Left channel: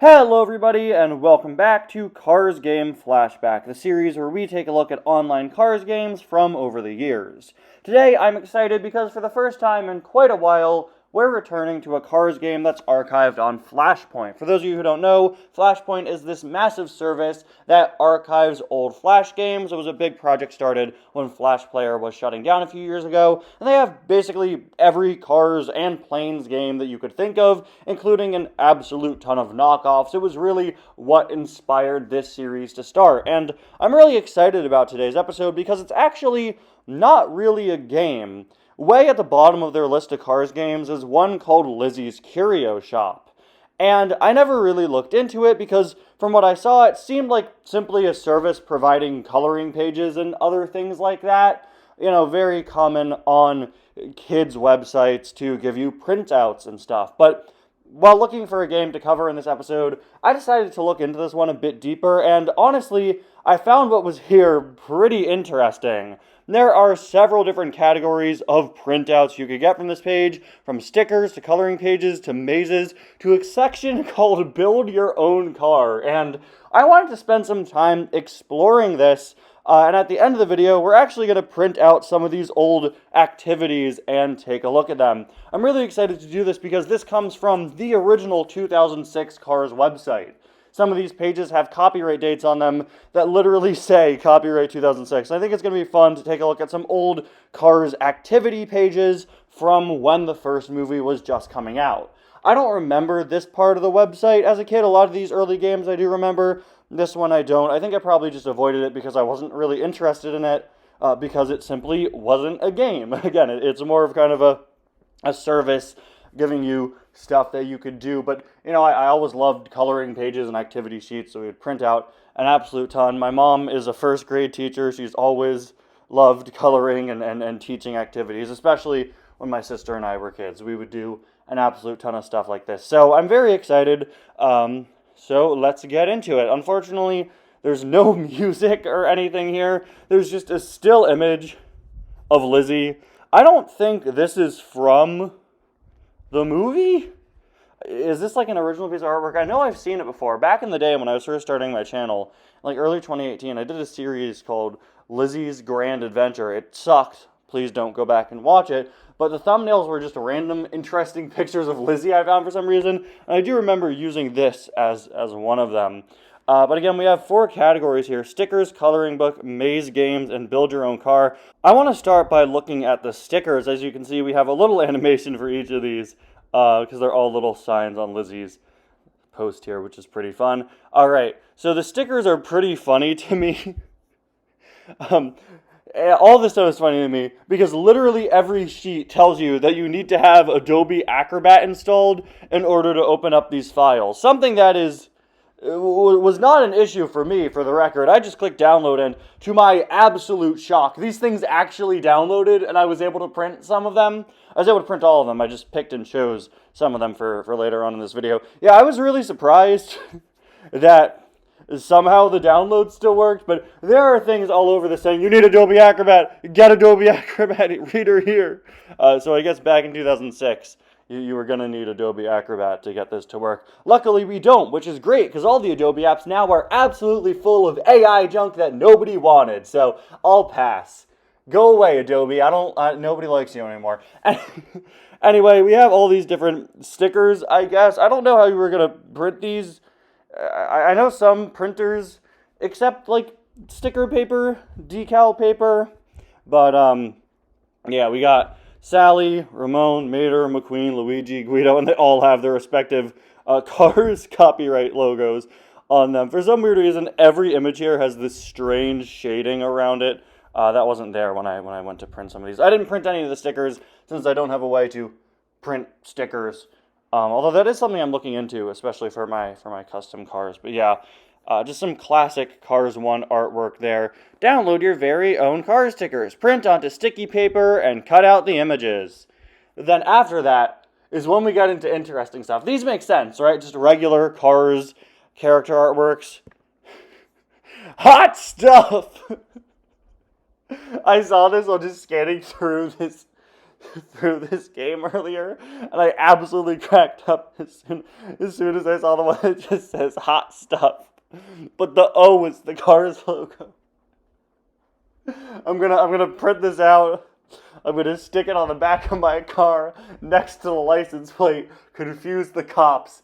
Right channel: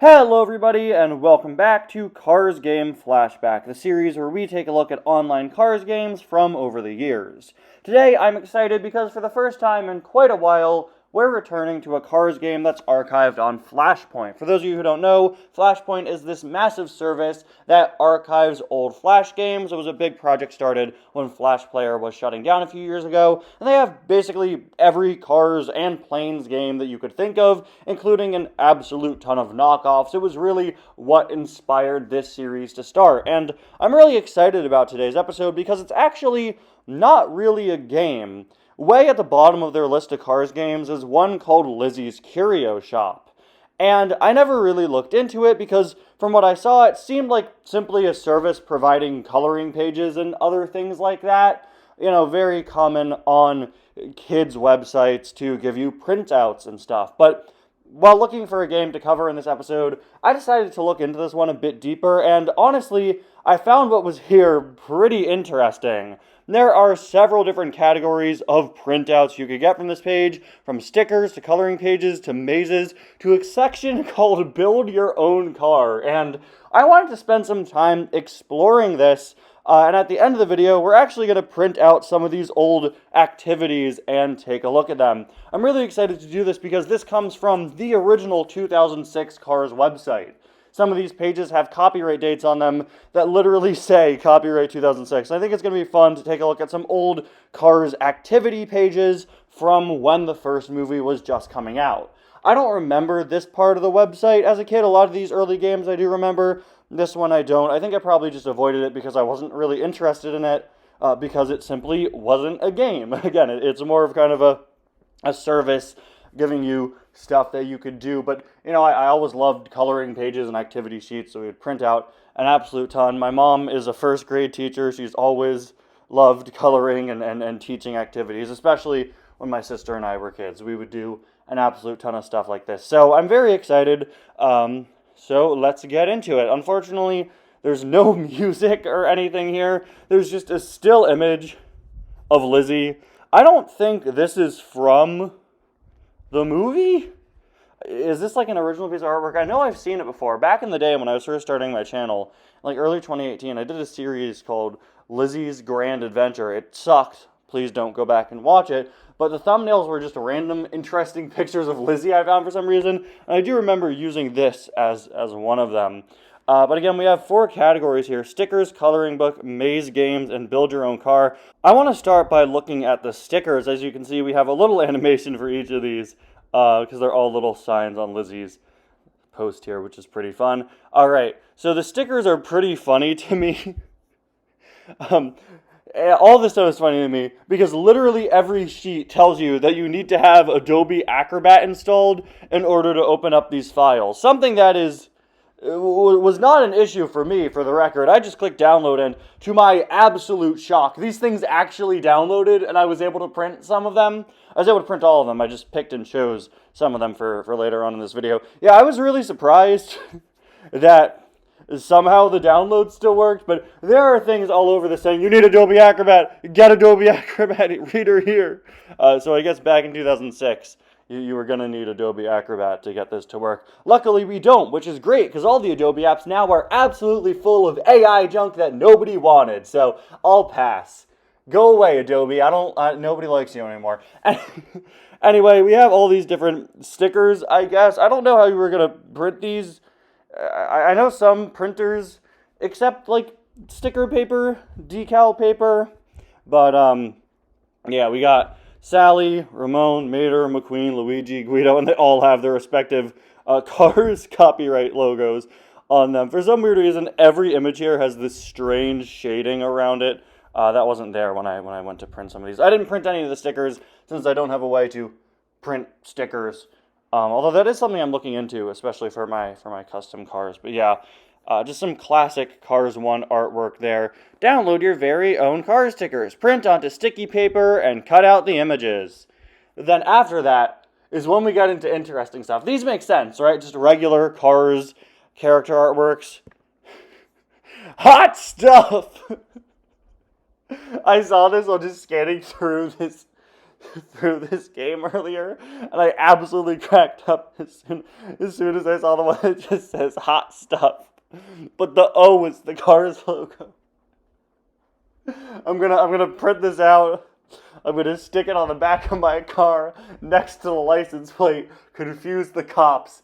Hello everybody and welcome back to Cars Game Flashback, the series where we take a look at online Cars games from over the years. Today I'm excited because for the first time in quite a while, we're returning to a Cars game that's archived on Flashpoint. For those of you who don't know, Flashpoint is this massive service that archives old Flash games. It was a big project started when Flash Player was shutting down a few years ago, and they have basically every Cars and Planes game that you could think of, including an absolute ton of knockoffs. It was really what inspired this series to start, and I'm really excited about today's episode because it's actually not really a game. Way at the bottom of their list of Cars games is one called Lizzie's Curio Shop. And I never really looked into it because from what I saw, it seemed like simply a service providing coloring pages and other things like that. You know, very common on kids' websites to give you printouts and stuff. But while looking for a game to cover in this episode, I decided to look into this one a bit deeper, and honestly, I found what was here pretty interesting. There are several different categories of printouts you could get from this page, from stickers to coloring pages to mazes to a section called Build Your Own Car, and I wanted to spend some time exploring this, and at the end of the video, we're actually going to print out some of these old activities and take a look at them. I'm really excited to do this because this comes from the original 2006 Cars website. Some of these pages have copyright dates on them that literally say copyright 2006. And I think it's going to be fun to take a look at some old Cars activity pages from when the first movie was just coming out. I don't remember this part of the website as a kid. A lot of these early games I do remember. This one I don't. I think I probably just avoided it because I wasn't really interested in it because it simply wasn't a game. Again, it's more of kind of a service giving you stuff that you could do. But, you know, I always loved coloring pages and activity sheets, so we would print out an absolute ton. My mom is a first grade teacher. She's always loved coloring and teaching activities, especially when my sister and I were kids. We would do an absolute ton of stuff like this. So I'm very excited. So let's get into it. Unfortunately, there's no music or anything here. There's just a still image of Lizzie. I don't think this is from the movie? Is this like an original piece of artwork? I know I've seen it before. Back in the day when I was first starting my channel, like early 2018, I did a series called Lizzie's Grand Adventure. It sucked. Please don't go back and watch it. But the thumbnails were just random, interesting pictures of Lizzie I found for some reason. And I do remember using this as one of them. But again, we have 4 categories here: stickers, coloring book, maze games, and build your own car. I want to start by looking at the stickers. As you can see, we have a little animation for each of these because they're all little signs on Lizzie's post here, which is pretty fun. All right, so the stickers are pretty funny to me. All this stuff is funny to me because literally every sheet tells you that you need to have Adobe Acrobat installed in order to open up these files. Something that was not an issue for me, for the record. I just clicked download, and to my absolute shock, these things actually downloaded, and I was able to print some of them. I was able to print all of them. I just picked and chose some of them for later on in this video. Yeah, I was really surprised that somehow the download still worked, but there are things all over this saying, you need Adobe Acrobat, get Adobe Acrobat reader here. So I guess back in 2006, you were going to need Adobe Acrobat to get this to work. Luckily, we don't, which is great, because all the Adobe apps now are absolutely full of AI junk that nobody wanted, so I'll pass. Go away, Adobe. Nobody likes you anymore. Anyway, we have all these different stickers, I guess. I don't know how you were going to print these. I know some printers accept, like, sticker paper, decal paper, but, yeah, we got Sally, Ramon, Mater, McQueen, Luigi, Guido, and they all have their respective Cars copyright logos on them. For some weird reason, every image here has this strange shading around it. That wasn't there when I went to print some of these. I didn't print any of the stickers since I don't have a way to print stickers. Although that is something I'm looking into, especially for my custom cars. But yeah, just some classic Cars 1 artwork there. Download your very own car stickers. Print onto sticky paper and cut out the images. Then after that is when we got into interesting stuff. These make sense, right? Just regular Cars character artworks. Hot stuff! I saw this while just scanning through this through this game earlier, and I absolutely cracked up as soon as I saw the one that just says hot stuff. But the O is the Cars logo. I'm gonna print this out. I'm gonna stick it on the back of my car next to the license plate. Confuse the cops.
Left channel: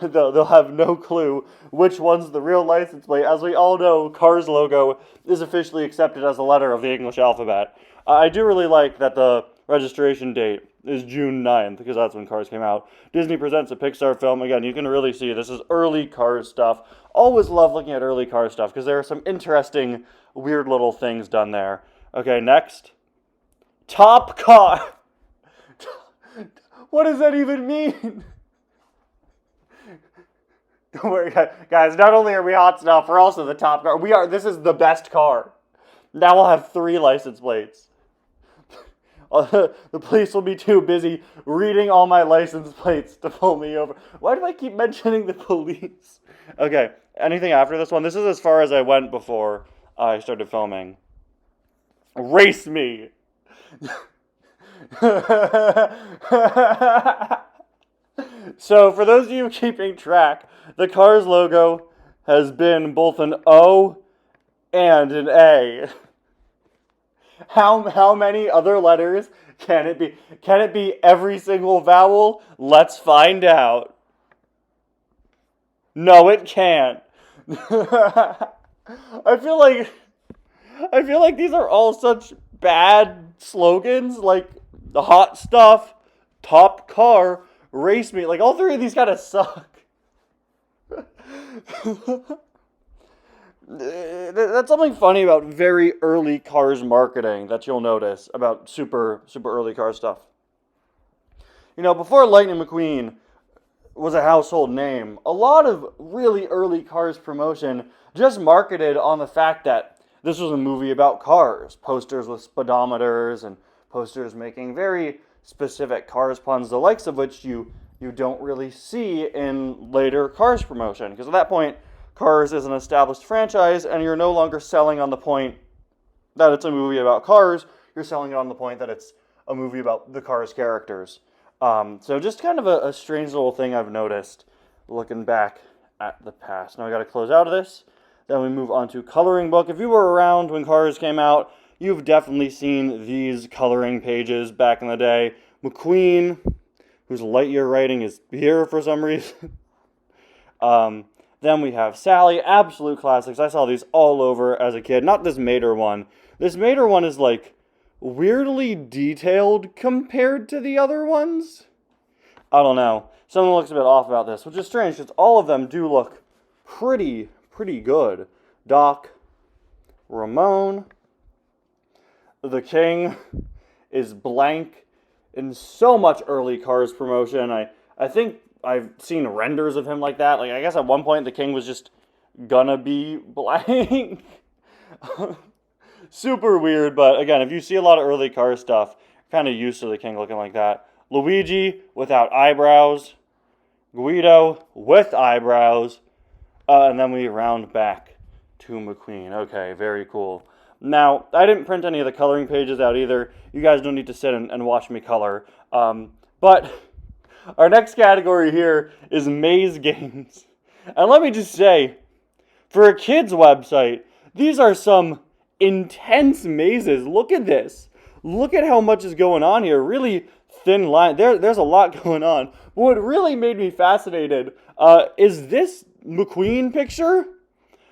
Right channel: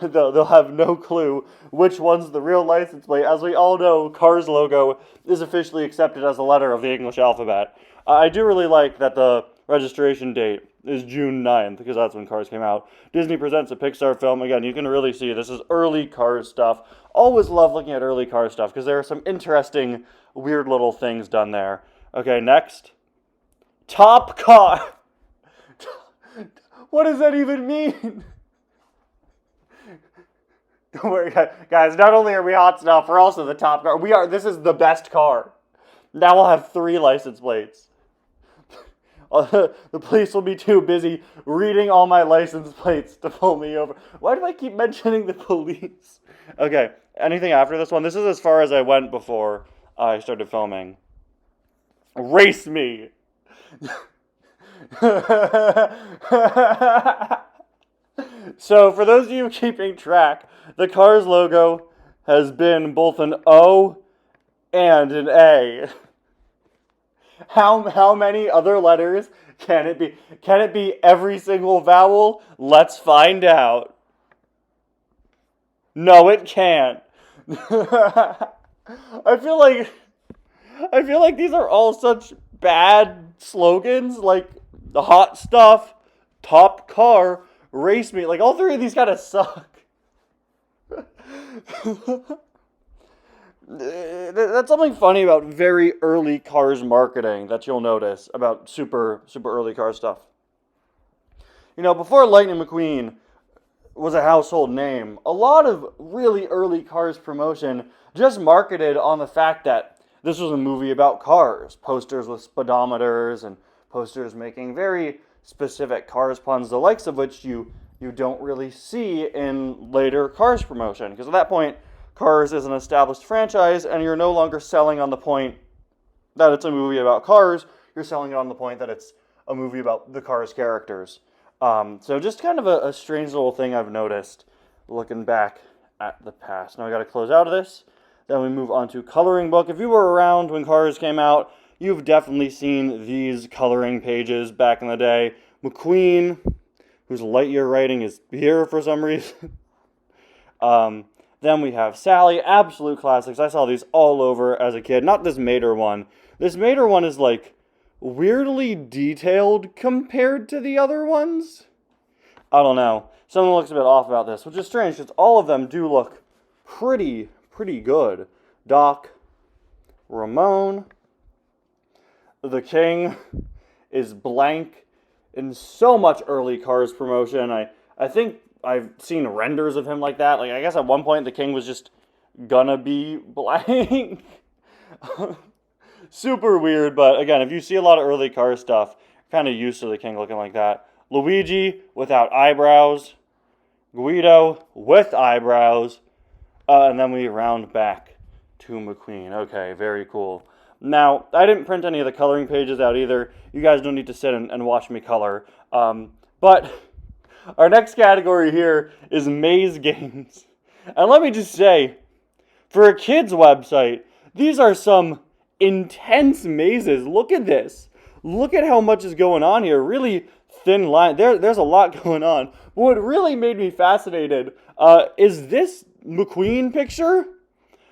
They'll have no clue which one's the real license plate. As we all know, Cars logo is officially accepted as a letter of the English alphabet. I do really like that the registration date is June 9th, because that's when Cars came out. Disney presents a Pixar film. Again, you can really see this is early Cars stuff. Always love looking at early Cars stuff, because there are some interesting, weird little things done there. Okay, next. Top Car. What does that even mean? Don't worry, guys. Not only are we hot stuff, we're also the top car. This is the best car. Now we'll have 3 license plates. The police will be too busy reading all my license plates to pull me over. Why do I keep mentioning the police? Okay, anything after this one? This is as far as I went before I started filming. Race me! So, for those of you keeping track, the Cars logo has been both an O and an A. How many other letters can it be? Can it be every single vowel? Let's find out. No, it can't. I feel like these are all such bad slogans, like the hot stuff, top car, race me. Like, all 3 of these kind of suck. That's something funny about very early Cars marketing that you'll notice about super early Cars stuff. You know, before Lightning McQueen was a household name, a lot of really early Cars promotion just marketed on the fact that this was a movie about cars. Posters with speedometers and posters making very specific Cars puns, the likes of which you don't really see in later Cars promotion. Because at that point, Cars is an established franchise, and you're no longer selling on the point that it's a movie about cars. You're selling it on the point that it's a movie about the Cars characters. So just kind of a strange little thing I've noticed looking back at the past. Now I got to close out of this. Then we move on to coloring book. If you were around when Cars came out, you've definitely seen these coloring pages back in the day. McQueen, whose Lightyear writing is here for some reason. Then we have Sally, absolute classics. I saw these all over as a kid. Not this Mater one. This Mater one is like weirdly detailed compared to the other ones. I don't know. Something looks a bit off about this, which is strange because all of them do look pretty good. Doc, Ramon, the King is blank in so much early Cars promotion. I think I've seen renders of him like that. Like, I guess at one point the King was just gonna be blank. Super weird, but again, if you see a lot of early Cars stuff, kind of used to the King looking like that. Luigi without eyebrows. Guido with eyebrows. And then we round back to McQueen. Okay, very cool. Now, I didn't print any of the coloring pages out either. You guys don't need to sit and watch me color. But our next category here is maze games. And let me just say, for a kid's website, these are some intense mazes. Look at this. Look at how much is going on here. Really thin line. There's a lot going on. But what really made me fascinated is this McQueen picture.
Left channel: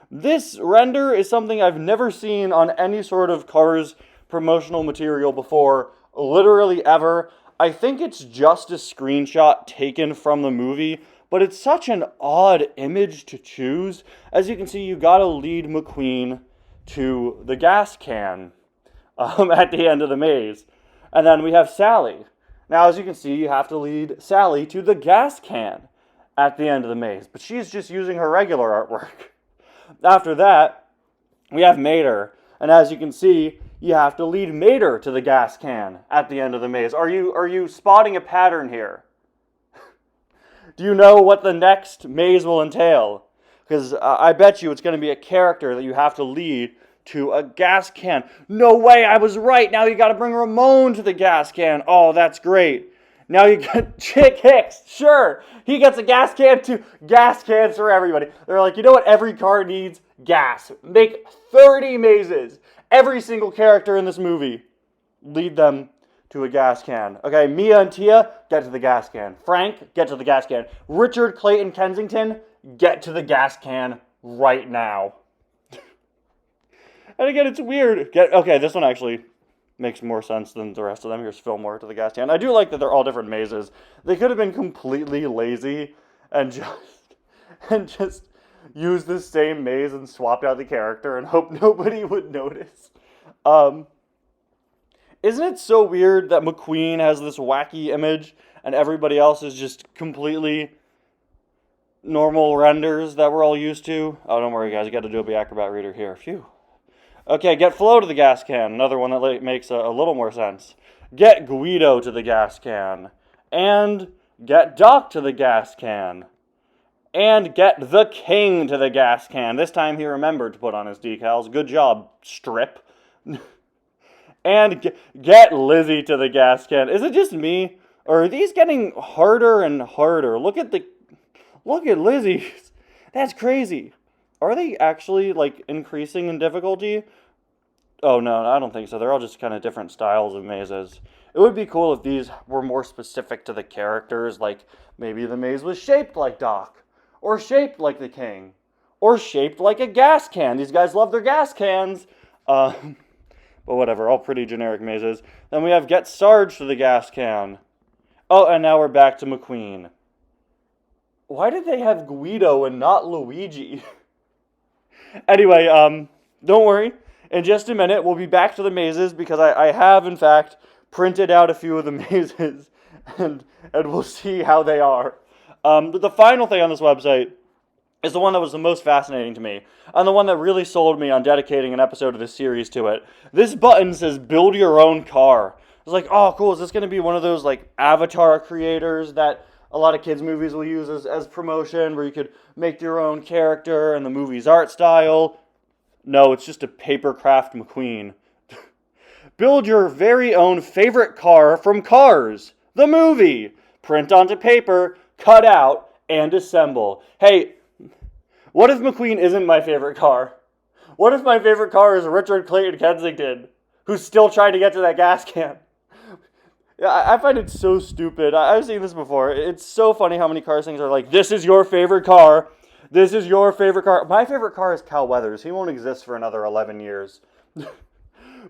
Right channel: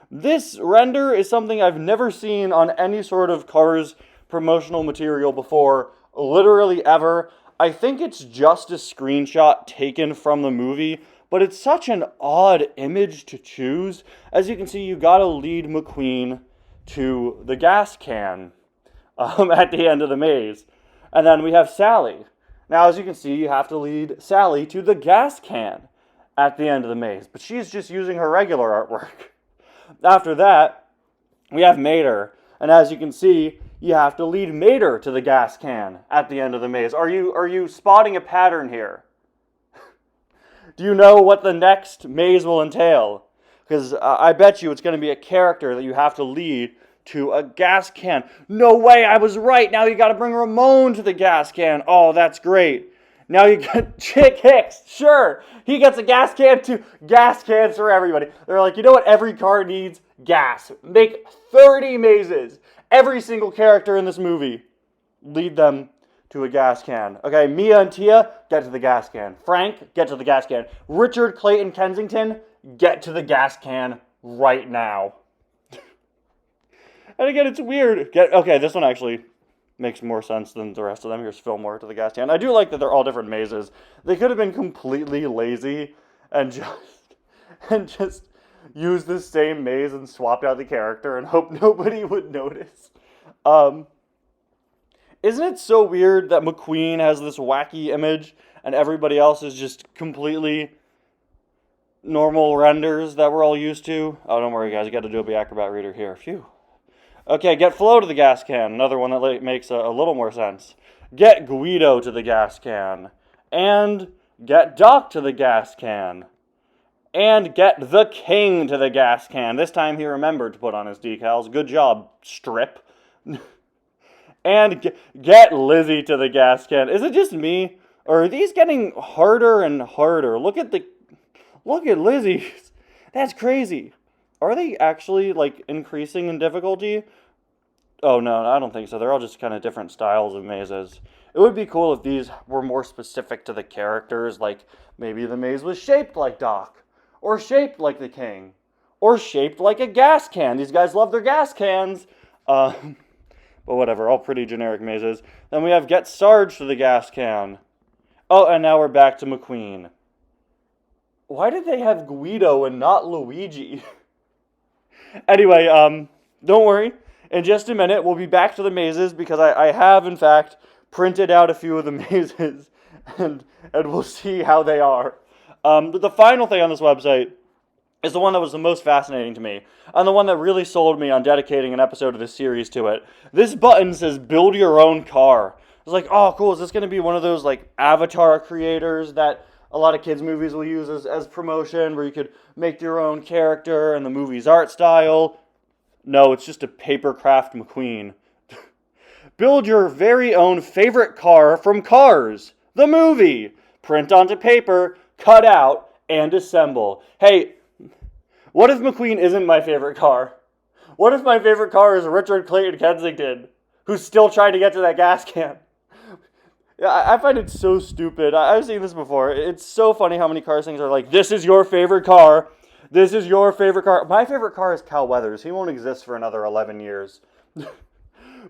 This render is something I've never seen on any sort of Cars promotional material before, literally ever. I think it's just a screenshot taken from the movie, but it's such an odd image to choose. As you can see, you gotta lead McQueen to the gas can at the end of the maze. And then we have Sally. Now, as you can see, you have to lead Sally to the gas can at the end of the maze, but she's just using her regular artwork. After that, we have Mater, and as you can see, you have to lead Mater to the gas can at the end of the maze. Are you spotting a pattern here? Do you know what the next maze will entail? Because I bet you it's going to be a character that you have to lead to a gas can. No way, I was right. Now you got to bring Ramon to the gas can. Oh, that's great. Now you got Chick Hicks. Sure, he gets a gas can too. Gas cans for everybody. They're like, you know what every car needs? Gas. Make 30 mazes. Every single character in this movie, lead them to a gas can. Okay, Mia and Tia, get to the gas can. Frank, get to the gas can. Richard Clayton Kensington, get to the gas can right now. And again, it's weird. Okay, this one actually makes more sense than the rest of them. Here's Fillmore to the gas can. I do like that they're all different mazes. They could have been completely lazy and just use the same maze and swapped out the character and hope nobody would notice. Isn't it so weird that McQueen has this wacky image and everybody else is just completely normal renders that we're all used to? Oh, don't worry, guys. You got Adobe Acrobat Reader here. Phew. Okay, get Flo to the gas can. Another one that makes a little more sense. Get Guido to the gas can. And get Doc to the gas can. And get the King to the gas can. This time he remembered to put on his decals. Good job, Strip. And get Lizzie to the gas can. Is it just me? Or are these getting harder and harder? Look at Lizzie's. That's crazy. Are they actually, like, increasing in difficulty? Oh, no, I don't think so. They're all just kind of different styles of mazes. It would be cool if these were more specific to the characters. Like, maybe the maze was shaped like Doc. Or shaped like the King. Or shaped like a gas can. These guys love their gas cans. But whatever, all pretty generic mazes. Then we have Get Sarge to the gas can. Oh, and now we're back to McQueen. Why did they have Guido and not Luigi? Anyway, don't worry. In just a minute, we'll be back to the mazes because I have, in fact, printed out a few of the mazes and we'll see how they are. But the final thing on this website is the one that was the most fascinating to me, and the one that really sold me on dedicating an episode of this series to it. This button says, build your own car. I was like, oh, cool, is this going to be one of those, like, avatar creators that a lot of kids' movies will use as promotion, where you could make your own character and the movie's art style? No, it's just a papercraft McQueen. Build your very own favorite car from Cars, the movie. Print onto paper, cut out, and assemble. Hey, what if McQueen isn't my favorite car? What if my favorite car is Richard Clayton Kensington, who's still trying to get to that gas can? I find it so stupid. I've seen this before. It's so funny how many Cars things are like, this is your favorite car. This is your favorite car. My favorite car is Cal Weathers. He won't exist for another 11 years.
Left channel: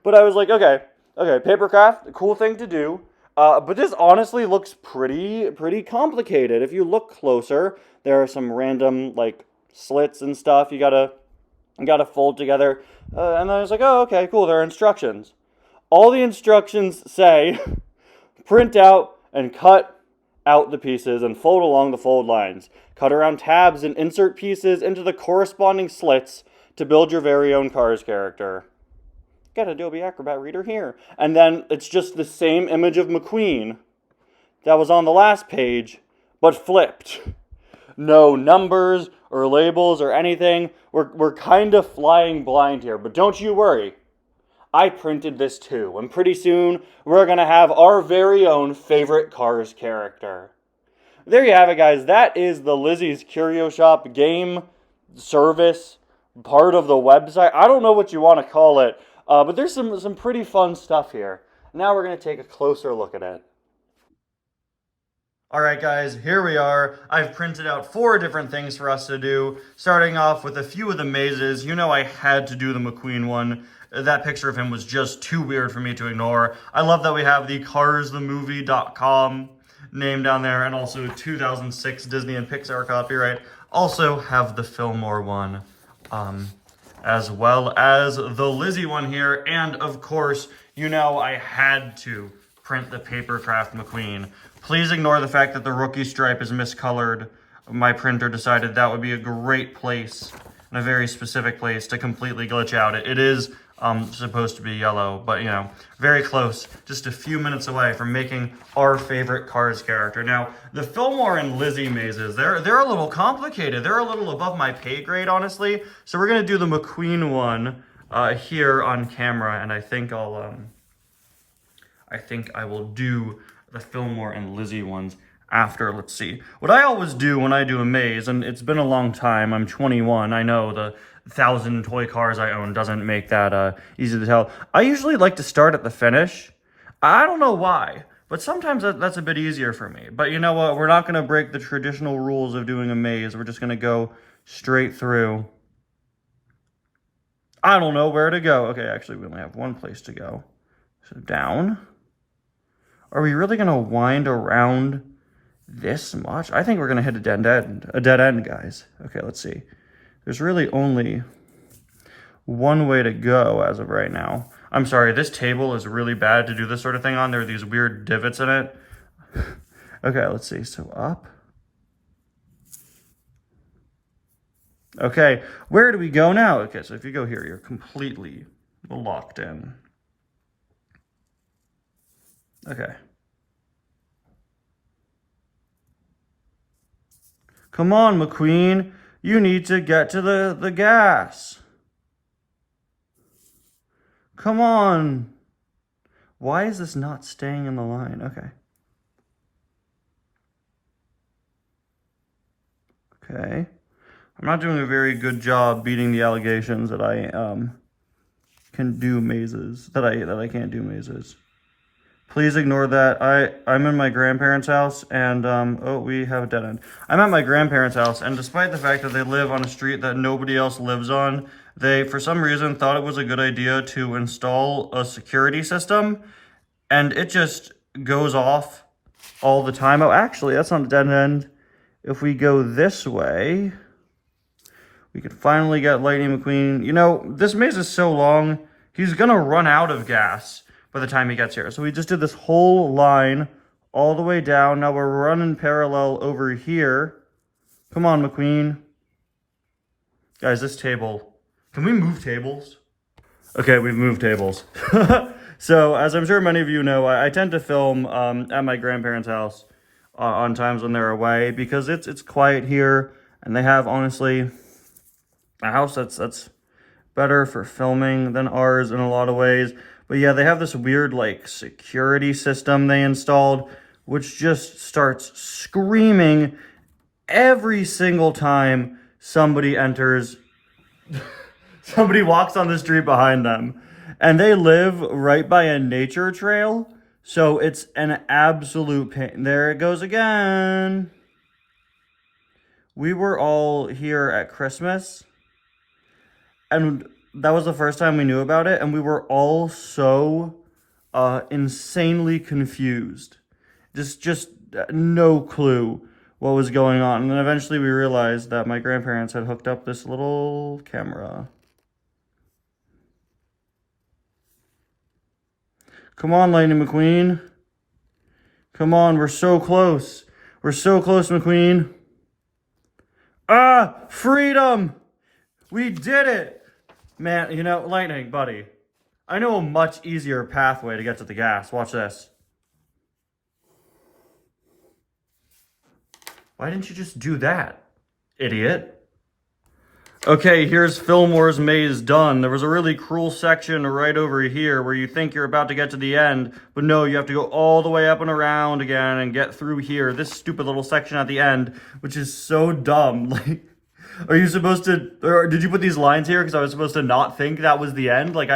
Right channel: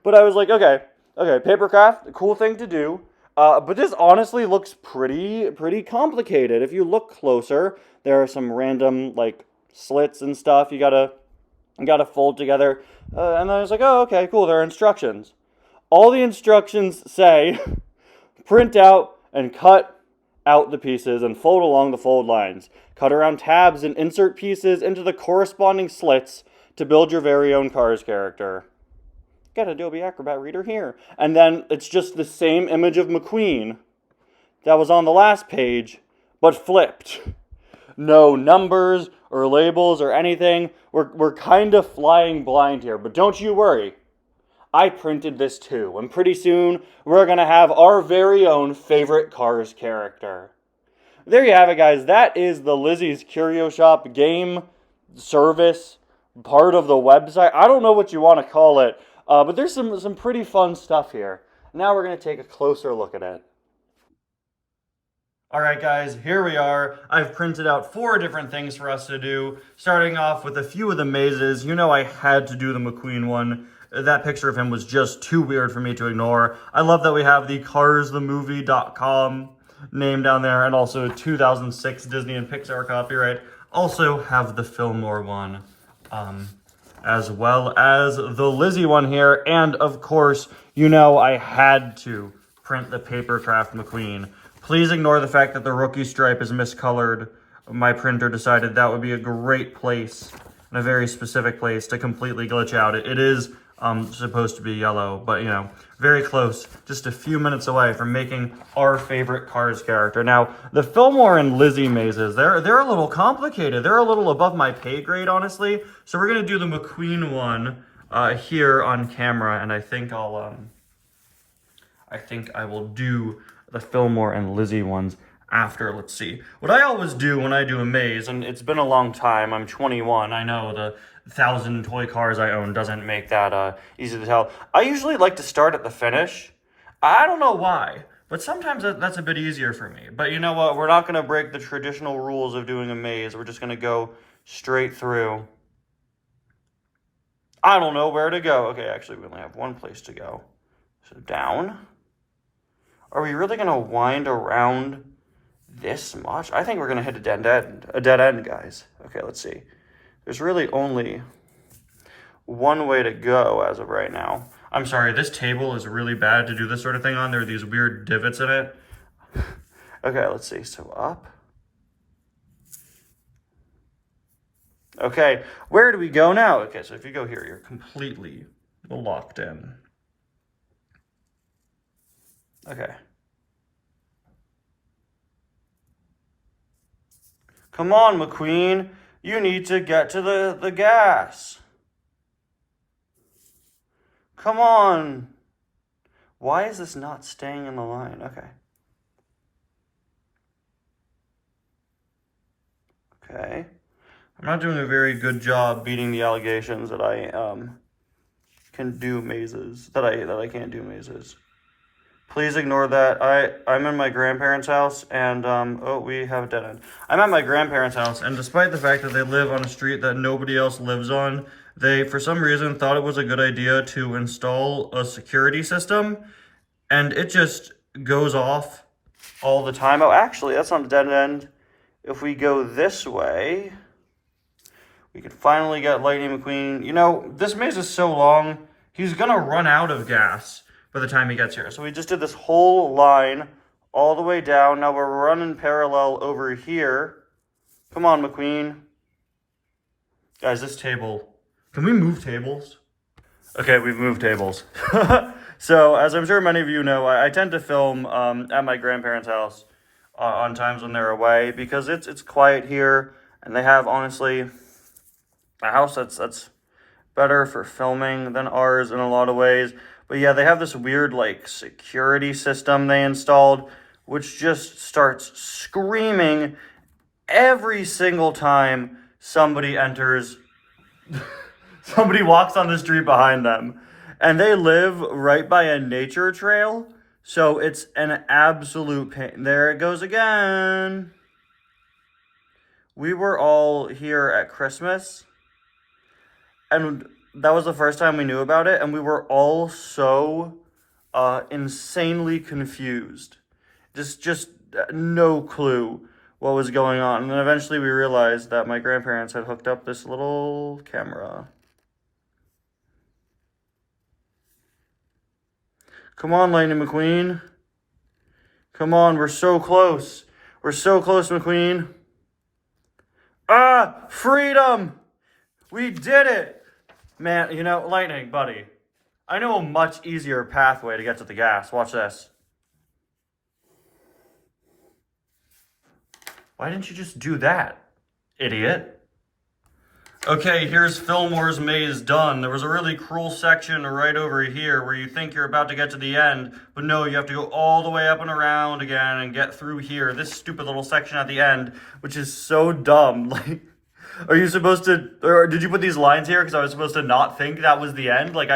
But I was like, okay, papercraft, cool thing to do. But this honestly looks pretty complicated. If you look closer, there are some random, like, slits and stuff you gotta fold together. And then I was like, oh, okay, cool, there are instructions. All the instructions say, print out and cut out the pieces and fold along the fold lines. Cut around tabs and insert pieces into the corresponding slits to build your very own Cars character. Get Adobe Acrobat Reader here. And then it's just the same image of McQueen that was on the last page, but flipped. No numbers or labels or anything. We're kind of flying blind here, but don't you worry. I printed this too, and pretty soon we're going to have our very own favorite Cars character. There you have it, guys. That is the Lizzie's Curio Shop game service part of the website. I don't know what you want to call it, but there's some pretty fun stuff here. Now we're going to take a closer look at it. Alright guys, here we are. I've printed out 4 different things for us to do, starting off with a few of the mazes. You know I had to do the McQueen one. That picture of him was just too weird for me to ignore. I love that we have the carsthemovie.com name down there, and also 2006 Disney and Pixar copyright. Also have the Fillmore one, as well as the Lizzie one here, and of course, you know I had to print the Papercraft McQueen. Please ignore the fact that the rookie stripe is miscolored. My printer decided that would be a great place, and a very specific place to completely glitch out. It is supposed to be yellow, but you know, very close, just a few minutes away from making our favorite Cars character. Now, the Fillmore and Lizzie mazes, they're a little complicated. They're a little above my pay grade, honestly. So we're gonna do the McQueen one here on camera, and I think I will do the Fillmore and Lizzie ones after. Let's see. What I always do when I do a maze, and it's been a long time, I'm 21, I know the 1,000 toy cars I own doesn't make that easy to tell. I usually like to start at the finish. I don't know why, but sometimes that's a bit easier for me. But you know what? We're not going to break the traditional rules of doing a maze. We're just going to go straight through. I don't know where to go. Okay, actually, we only have one place to go. So down. Are we really going to wind around this much? I think we're going to hit a dead end, guys. Okay, let's see. There's really only one way to go as of right now. I'm sorry, this table is really bad to do this sort of thing on. There are these weird divots in it. Okay, let's see. So up. Okay, where do we go now? Okay, so if you go here, you're completely locked in. Okay. Come on, McQueen. You need to get to the gas. Come on. Why is this not staying in the line? Okay. Okay. I'm not doing a very good job beating the allegations that I can do mazes, that I can't do mazes. Please ignore that. I'm in my grandparents' house, and oh, we have a dead end. I'm at my grandparents' house, and despite the fact that they live on a street that nobody else lives on, they, for some reason, thought it was a good idea to install a security system, and it just goes off all the time. Oh, actually, that's not a dead end. If we go this way, we could finally get Lightning McQueen. You know, this maze is so long, he's gonna run out of gas by the time he gets here. So we just did this whole line all the way down. Now we're running parallel over here. Come on, McQueen. Guys, this table. Can we move tables? Okay, we've moved tables. So, as I'm sure many of you know, I tend to film at my grandparents' house on times when they're away because it's quiet here, and they have, honestly, a house that's better for filming than ours in a lot of ways. But yeah, they have this weird like security system they installed, which just starts screaming every single time somebody enters, somebody walks on the street behind them. And they live right by a nature trail, so it's an absolute pain. There it goes again. We were all here at Christmas, and that was the first time we knew about it, and we were all so insanely confused. Just no clue what was going on. And then eventually we realized that my grandparents had hooked up this little camera. Come on, Lightning McQueen. Come on, we're so close. We're so close, McQueen. Ah, freedom! We did it! Man, you know, Lightning, buddy. I knew a much easier pathway to get to the gas. Watch this. Why didn't you just do that, idiot? Okay, here's Fillmore's maze done. There was a really cruel section right over here where you think you're about to get to the end, but no, you have to go all the way up and around again and get through here. This stupid little section at the end, which is so dumb. Like, are you supposed to, or did you put these lines here because I was supposed to not think that was the end? Like,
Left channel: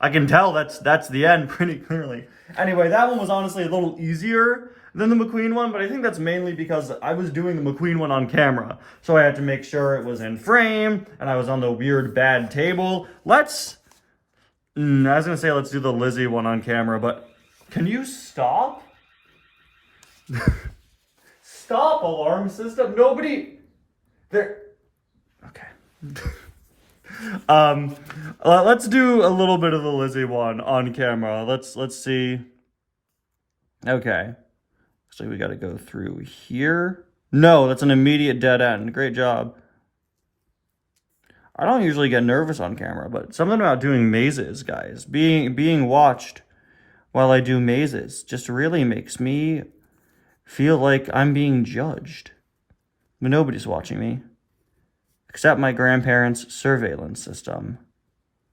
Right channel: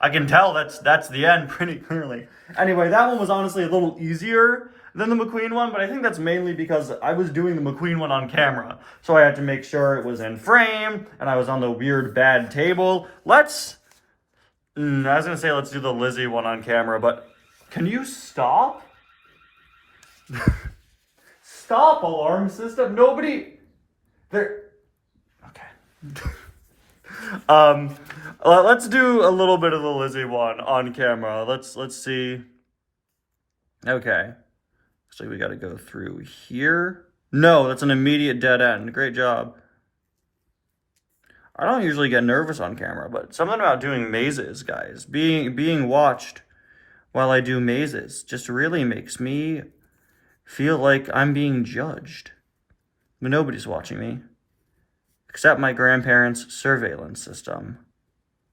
I can tell that's the end pretty clearly. Anyway, that one was honestly a little easier than the McQueen one, but I think that's mainly because I was doing the McQueen one on camera. So I had to make sure it was in frame, and I was on the weird bad table. I was gonna say let's do the Lizzie one on camera, but can you stop? Stop, alarm system. Nobody there. Okay. Let's do a little bit of the Lizzie one on camera. Let's see. Okay. So we got to go through here. No, that's an immediate dead end. Great job. I don't usually get nervous on camera, but something about doing mazes, guys, being watched while I do mazes just really makes me feel like I'm being judged. But nobody's watching me, except my grandparents' surveillance system.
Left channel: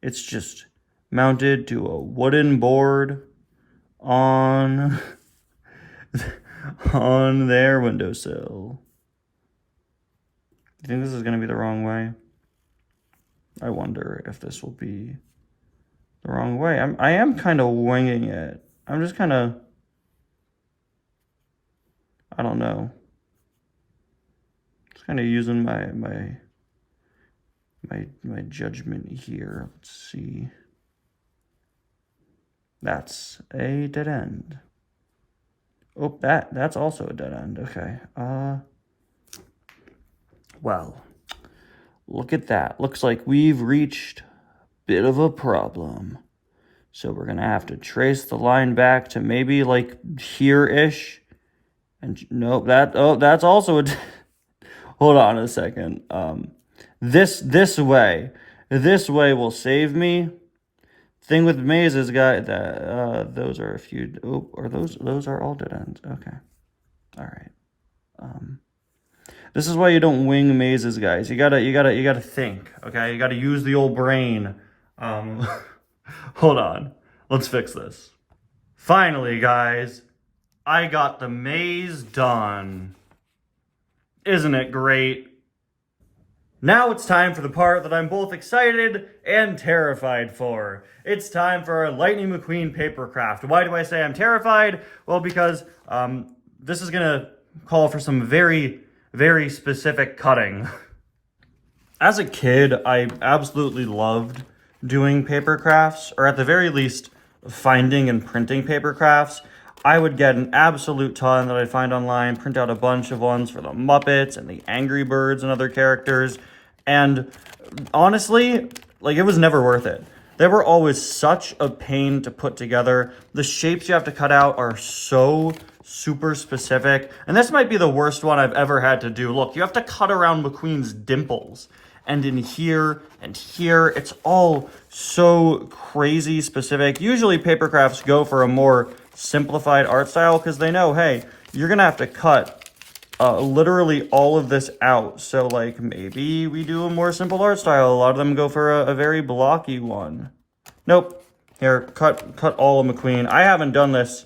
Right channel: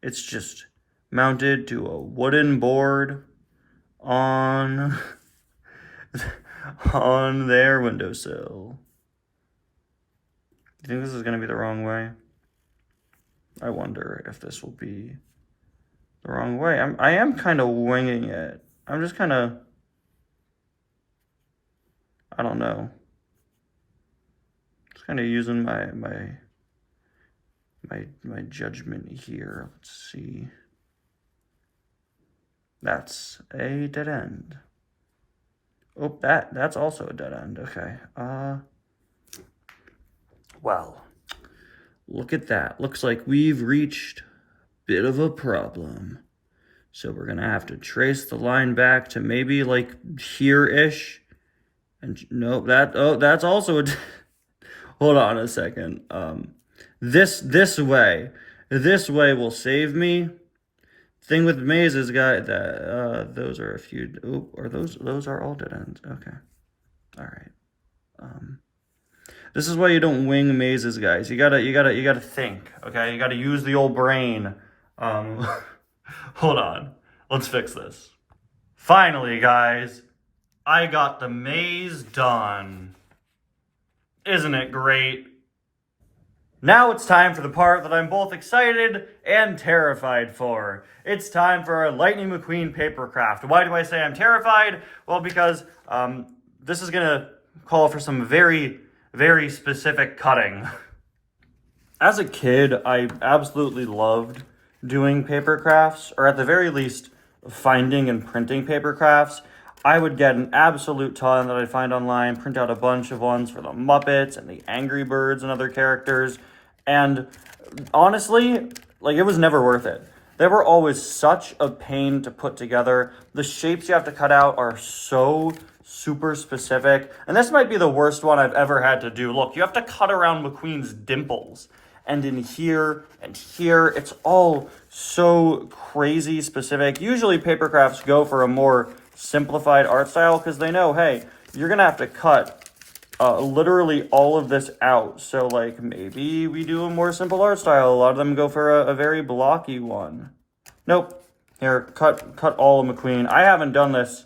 It's just mounted to a wooden board on on their windowsill. You think this is going to be the wrong way? I wonder if this will be the wrong way. I am kind of winging it. I'm just kind of, I don't know. Just kind of using my judgment here. Let's see. That's a dead end. Oh, that's also a dead end. Okay. Well, look at that. Looks like we've reached a bit of a problem. So we're gonna have to trace the line back to maybe like here-ish. And nope, that's also a hold on a second. This way will save me. Thing with mazes, guy, that those are a few. Oh, or those are all dead ends. Okay, all right. This is why you don't wing mazes, guys. You gotta think. Okay, you gotta use the old brain. Hold on, let's fix this. Finally, guys, I got the maze done. Isn't it great? Now it's time for the part that I'm both excited and terrified for. It's time for a Lightning McQueen paper craft. Why do I say I'm terrified? Well, because this is gonna call for some very, very specific cutting. As a kid, I absolutely loved doing paper crafts, or at the very least, finding and printing paper crafts. I would get an absolute ton that I'd find online, print out a bunch of ones for the Muppets and the Angry Birds and other characters. And honestly, like, it was never worth it. They were always such a pain to put together. The shapes you have to cut out are so super specific. And this might be the worst one I've ever had to do. Look, you have to cut around McQueen's dimples. And in here and here, it's all so crazy specific. Usually paper crafts go for a more simplified art style because they know, hey, you're gonna have to cut literally all of this out. So like maybe we do a more simple art style. A lot of them go for a very blocky one. Nope. Here, cut all of McQueen. I haven't done this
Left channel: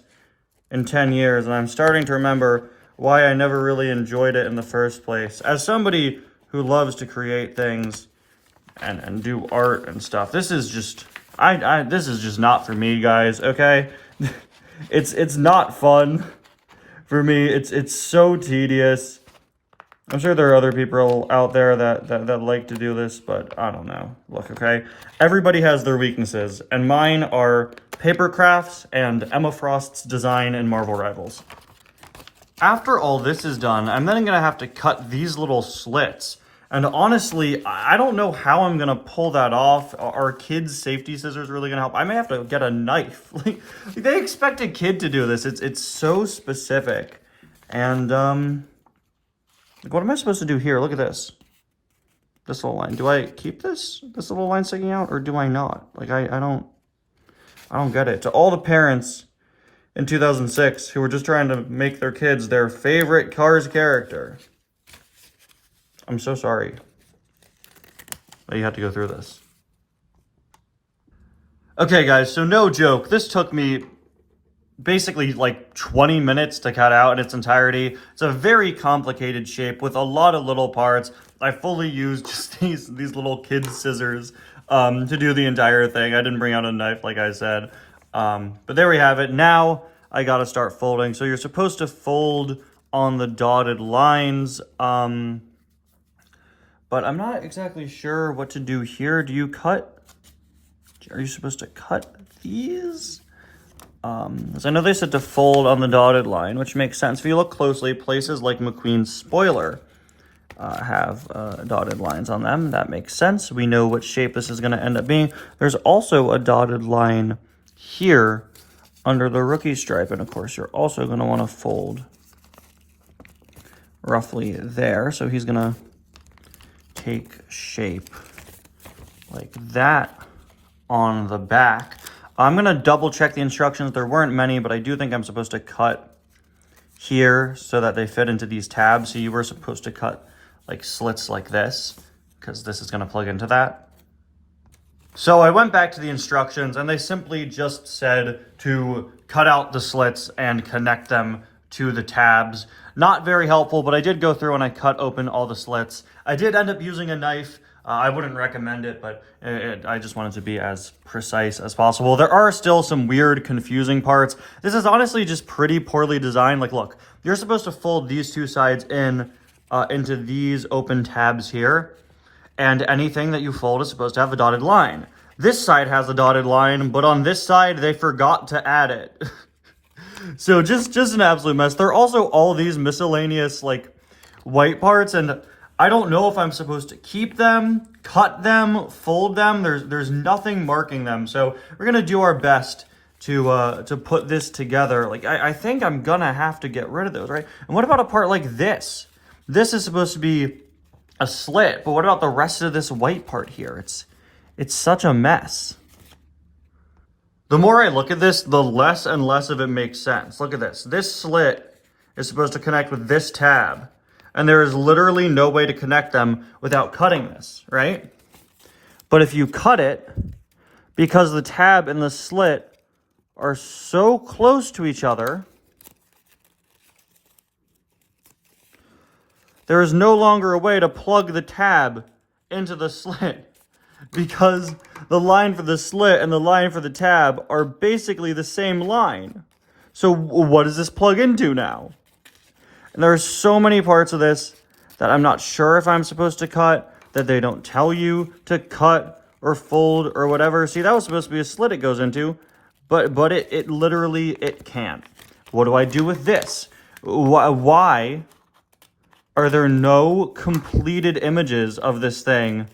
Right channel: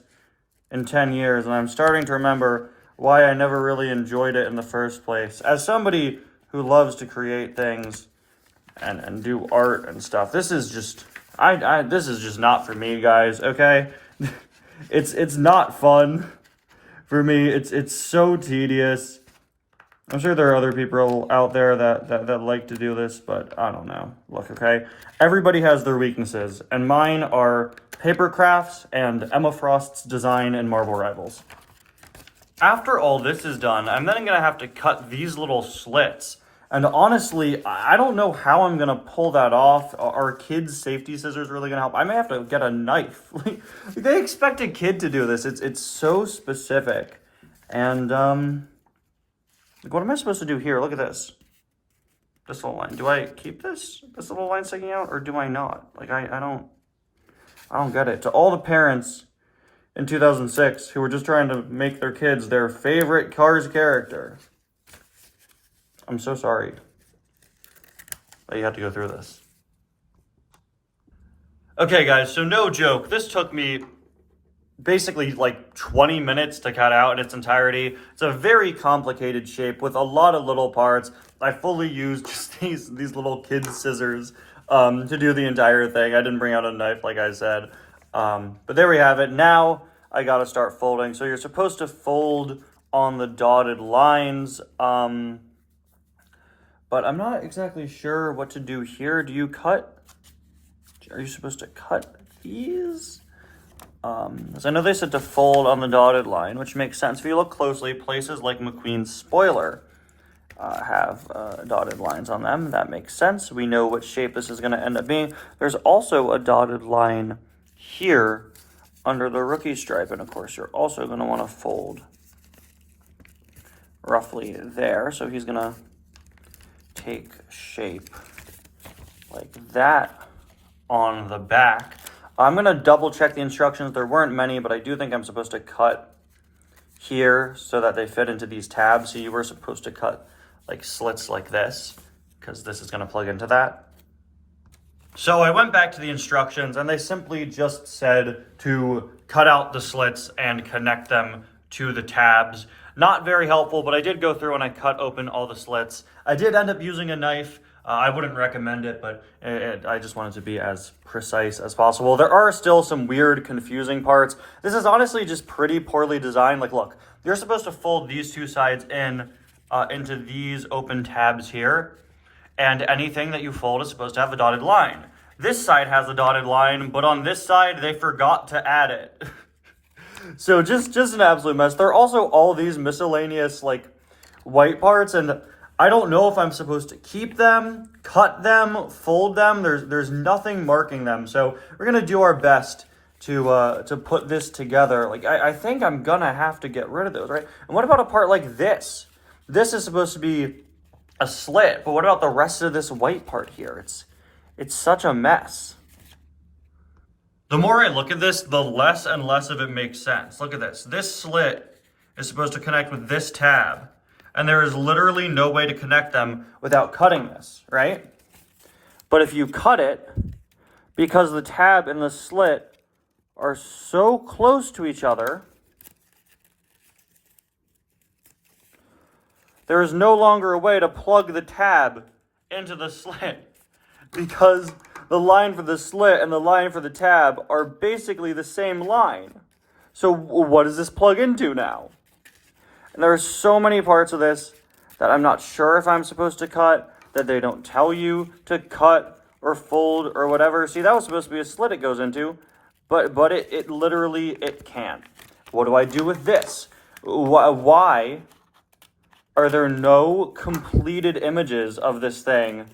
in 10 years and I'm starting to remember why I never really enjoyed it in the first place. As somebody who loves to create things and do art and stuff, this is just this is just not for me, guys, okay? It's not fun. For me, it's so tedious. I'm sure there are other people out there that like to do this, but I don't know. Look, okay? Everybody has their weaknesses, and mine are paper crafts and Emma Frost's design in Marvel Rivals. After all this is done, I'm then gonna have to cut these little slits. And honestly, I don't know how I'm gonna pull that off. Are kids' safety scissors really gonna help? I may have to get a knife. Like, they expect a kid to do this. It's so specific. And what am I supposed to do here? Look at this. This little line. Do I keep this little line sticking out, or do I not? Like I don't get it. To all the parents in 2006 who were just trying to make their kids their favorite Cars character, I'm so sorry that you have to go through this. Okay, guys, so no joke. This took me basically like 20 minutes to cut out in its entirety. It's a very complicated shape with a lot of little parts. I fully used just these little kids' scissors to do the entire thing. I didn't bring out a knife, like I said. But there we have it. Now I gotta start folding. So you're supposed to fold on the dotted lines. But I'm not exactly sure what to do here. Do you cut? Are you supposed to cut these? So I know they said to fold on the dotted line, which makes sense. If you look closely, places like McQueen's spoiler have dotted lines on them. That makes sense. We know what shape this is going to end up being. There's also a dotted line here under the rookie stripe. And of course, you're also going to want to fold roughly there. So he's going to take shape like that on the back. I'm gonna double check the instructions. There weren't many, but I do think I'm supposed to cut here so that they fit into these tabs. So you were supposed to cut like slits like this, because this is gonna plug into that. So I went back to the instructions and they simply just said to cut out the slits and connect them to the tabs. Not very helpful, but I did go through and I cut open all the slits. I did end up using a knife. I wouldn't recommend it, but I just wanted to be as precise as possible. There are still some weird, confusing parts. This is honestly just pretty poorly designed. Like, look, you're supposed to fold these two sides in into these open tabs here, and anything that you fold is supposed to have the dotted line. This side has the dotted line, but on this side, they forgot to add it. So just an absolute mess. There are also all these miscellaneous, like, white parts, and I don't know if I'm supposed to keep them, cut them, fold them. There's nothing marking them. So we're gonna do our best to put this together. Like, I think I'm gonna have to get rid of those, right? And what about a part like this? This is supposed to be a slit, but what about the rest of this white part here? It's such a mess. The more I look at this, the less and less of it makes sense. Look at this. This slit is supposed to connect with this tab, and there is literally no way to connect them without cutting this, right? But if you cut it, because the tab and the slit are so close to each other, there is no longer a way to plug the tab into the slit, because the line for the slit and the line for the tab are basically the same line. So what does this plug into now? And there are so many parts of this that I'm not sure if I'm supposed to cut, that they don't tell you to cut or fold or whatever. See, that was supposed to be a slit it goes into, but it literally, it can't. What do I do with this? Why are there no completed images of this thing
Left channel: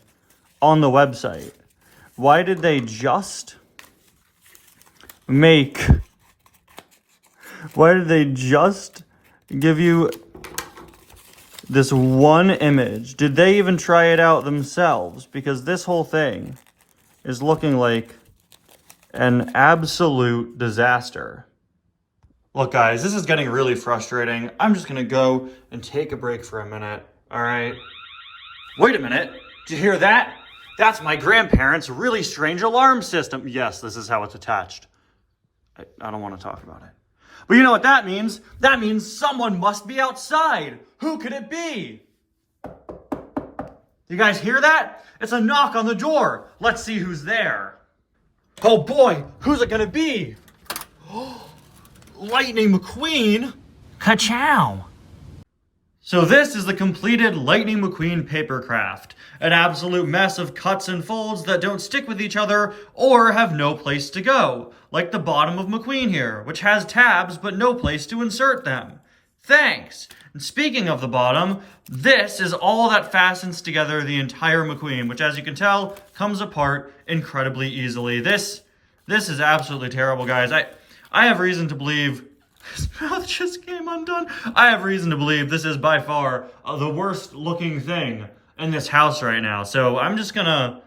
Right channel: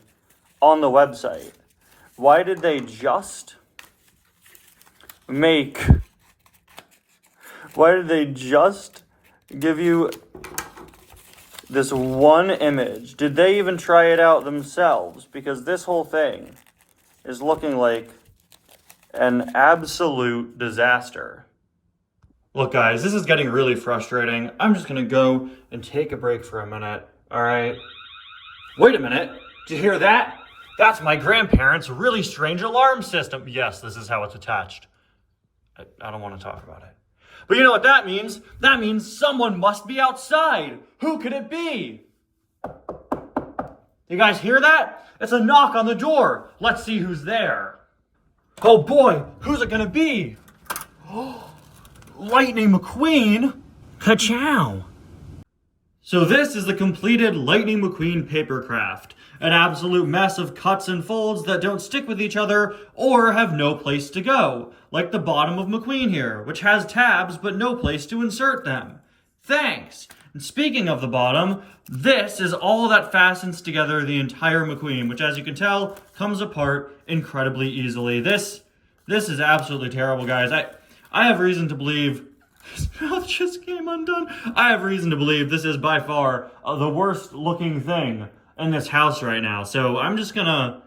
on the website? Why did they just give you this one image? Did they even try it out themselves? Because this whole thing is looking like an absolute disaster. Look, guys, this is getting really frustrating. I'm just gonna go and take a break for a minute, all right? Wait a minute, did you hear that? That's my grandparents' really strange alarm system. Yes, this is how it's attached. I don't want to talk about it. But you know what that means? That means someone must be outside. Who could it be? You guys hear that? It's a knock on the door. Let's see who's there. Oh boy, who's it gonna be? Lightning McQueen. Ka-chow. So this is the completed Lightning McQueen papercraft. An absolute mess of cuts and folds that don't stick with each other or have no place to go, like the bottom of McQueen here, which has tabs but no place to insert them. Thanks! And speaking of the bottom, this is all that fastens together the entire McQueen, which, as you can tell, comes apart incredibly easily. This is absolutely terrible, guys. I have reason to believe his mouth just came undone. I have reason to believe this is by far the worst looking thing in this house right now. So I'm just gonna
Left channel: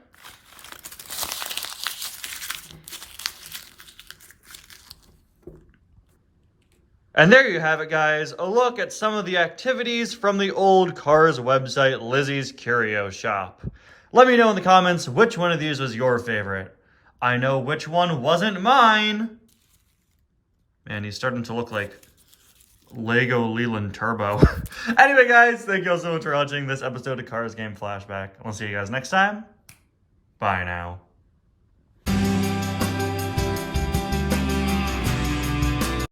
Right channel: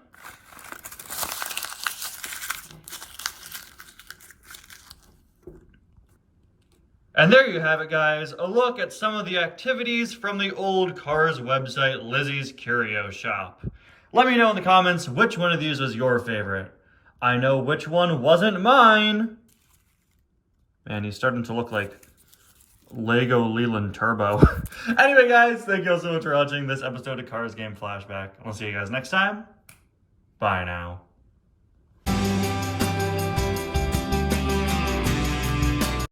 and there you have it, guys, a look at some of the activities from the old Cars website, Lizzie's Curio Shop. Let me know in the comments which one of these was your favorite. I know which one wasn't mine. Man, he's starting to look like Lego Leland Turbo. Anyway, guys, thank you all so much for watching this episode of Cars Game Flashback. We'll see you guys next time. Bye now.